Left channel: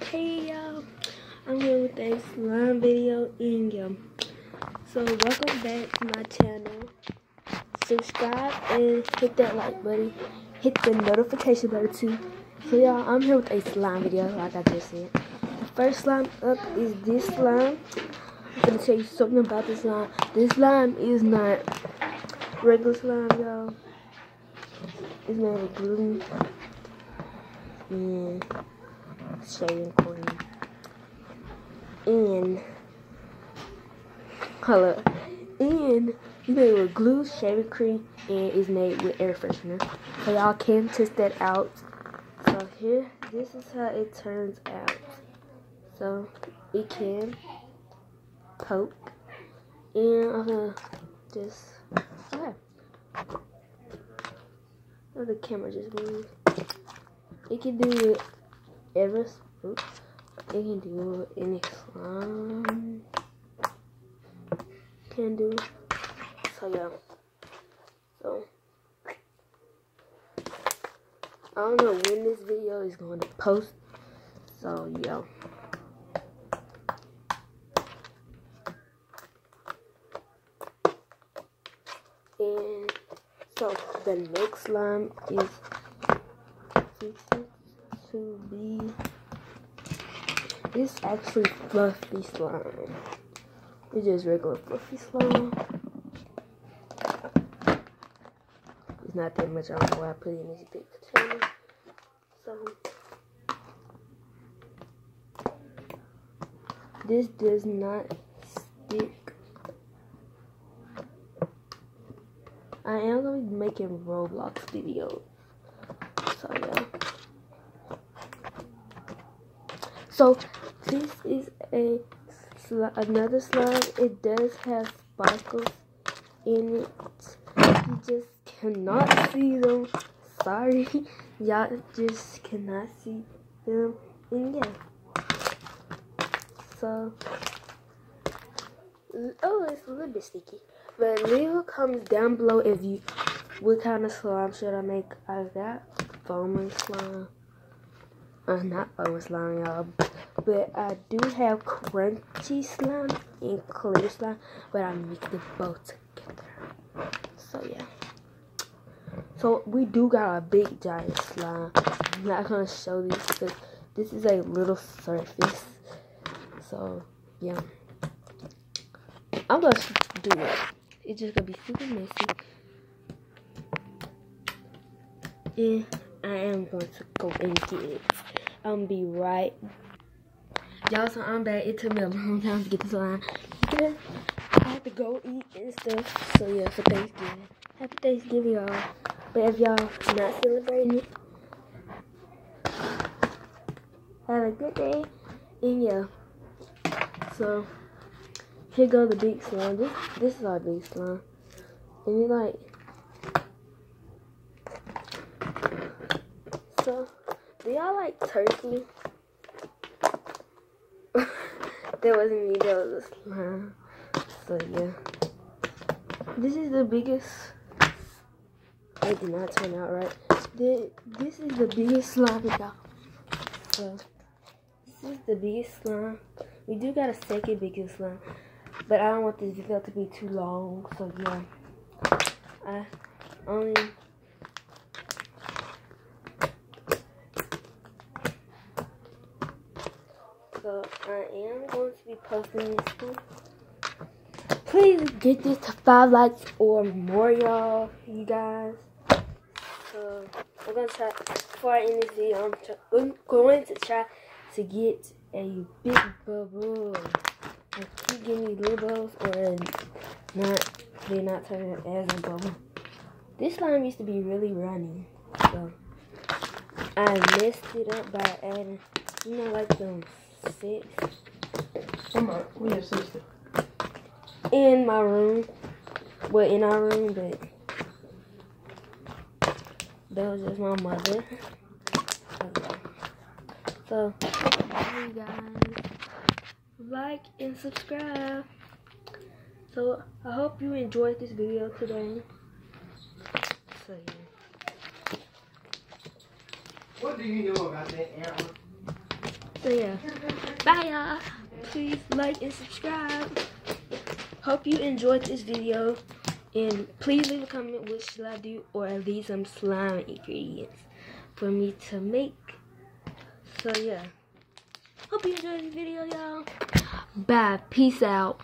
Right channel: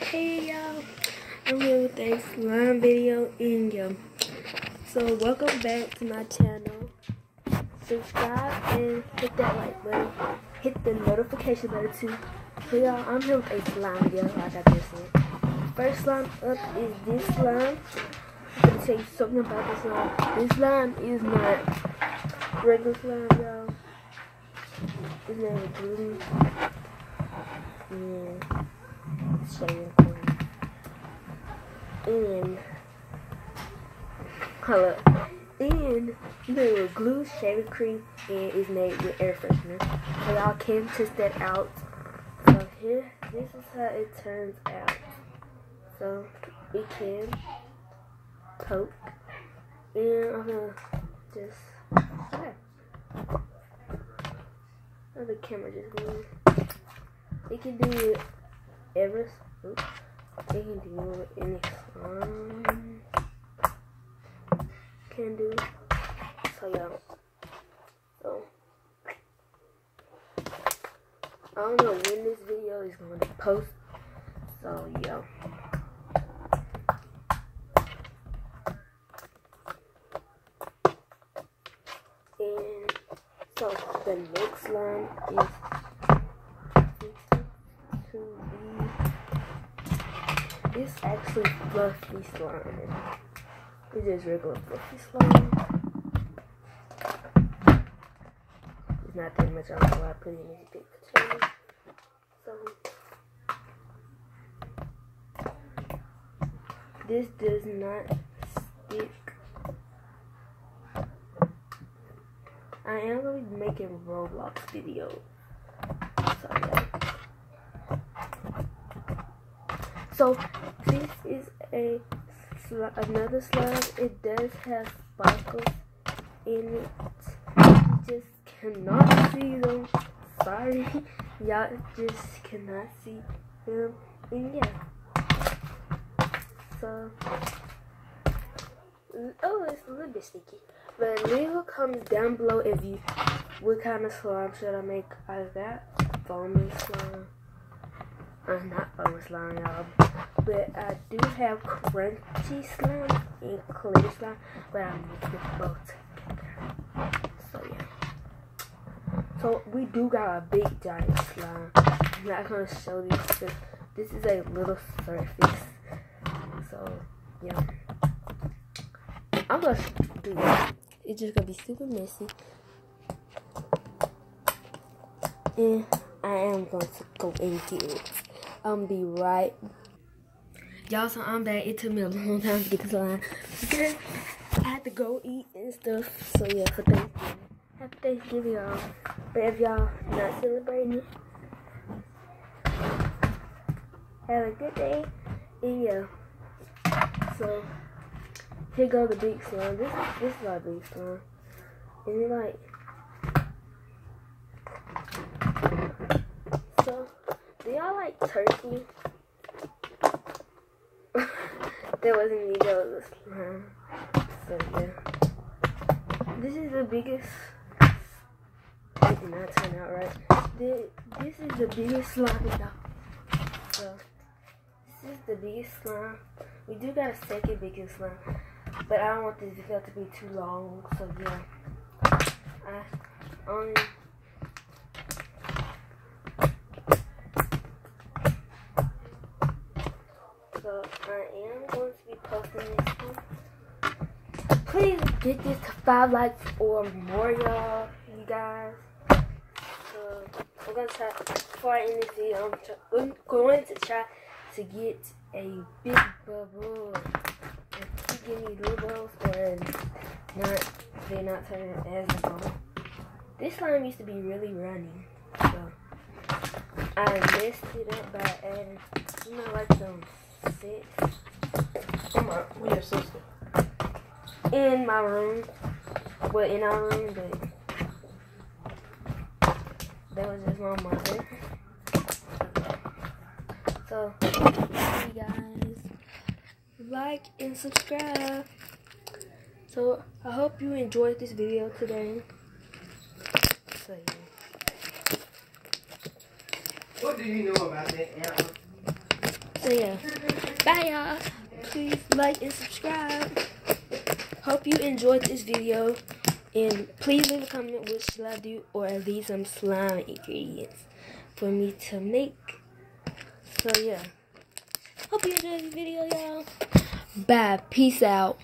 Hey y'all, I'm here with a slime video and so welcome back to my channel. Subscribe and hit that like button, hit the notification button too. So y'all, I'm here with a slime video like I just said. First slime up is this slime. I'm gonna tell you something about this slime. This slime is not regular slime, y'all. It's made of glue and shaving cream and and made with glue, shaving cream, and is made with air freshener. So y'all can test that out. So here, this is how it turns out. So it can poke, and I'm gonna just oh, the camera just moved. It can do it it can do any slime. Can do. So yeah. So I don't know when this video is going to post. So yeah. And so the next slime is to be. It's actually fluffy slime. It's just regular fluffy slime. It's not that much. I don't know why I put it in this big container. So this does not stick. I am going to be making Roblox videos. So yeah. So this is another slime. It does have sparkles in it. You just cannot see them. Sorry, y'all just cannot see them. And yeah. So, oh, it's a little bit sticky. But leave comments down below if you what kind of slime should I make out of that. Foaming slime. Not foaming slime, y'all. But I do have crunchy slime and clear slime, but I mix them both together. So yeah. So we do got a big giant slime. I'm not gonna show these, but this is a little surface. So yeah. I'm gonna do it. It's just gonna be super messy. And I am going to go and get it. I'm gonna be right. Y'all, so I'm back. It took me a long time to get this line. I had to go eat and stuff. So yeah, for Thanksgiving. Happy Thanksgiving, y'all. But if y'all not celebrating it, have a good day. And yeah. So here go the big slime. This is our big slime. And it like so do y'all like turkey? There wasn't me, there was a slime. So yeah. This is the biggest. It did not turn out right. This is the biggest slime we got. So this is the biggest slime. We do got a second biggest slime. But I don't want this video to be too long. So yeah. I only So I am going to be posting this one. Please get this to 5 likes or more, y'all, you guys. So I'm gonna try before I end this video. I'm going to try to get a big bubble. I keep getting these little bubbles, or not. They're not turning as a bubble. This slime used to be really runny, so I messed it up by adding, you know, like some. Come on, we have sister. In my room. Well, in our room, but that was just my mother. Okay. So, you guys like and subscribe. So, I hope you enjoyed this video today. So, yeah. What do you know about that, Aaron? So yeah, bye y'all. Please like and subscribe. Hope you enjoyed this video. And please leave a comment what should I do, or leave some slime ingredients for me to make. So yeah, hope you enjoyed this video, y'all. Bye. Peace out.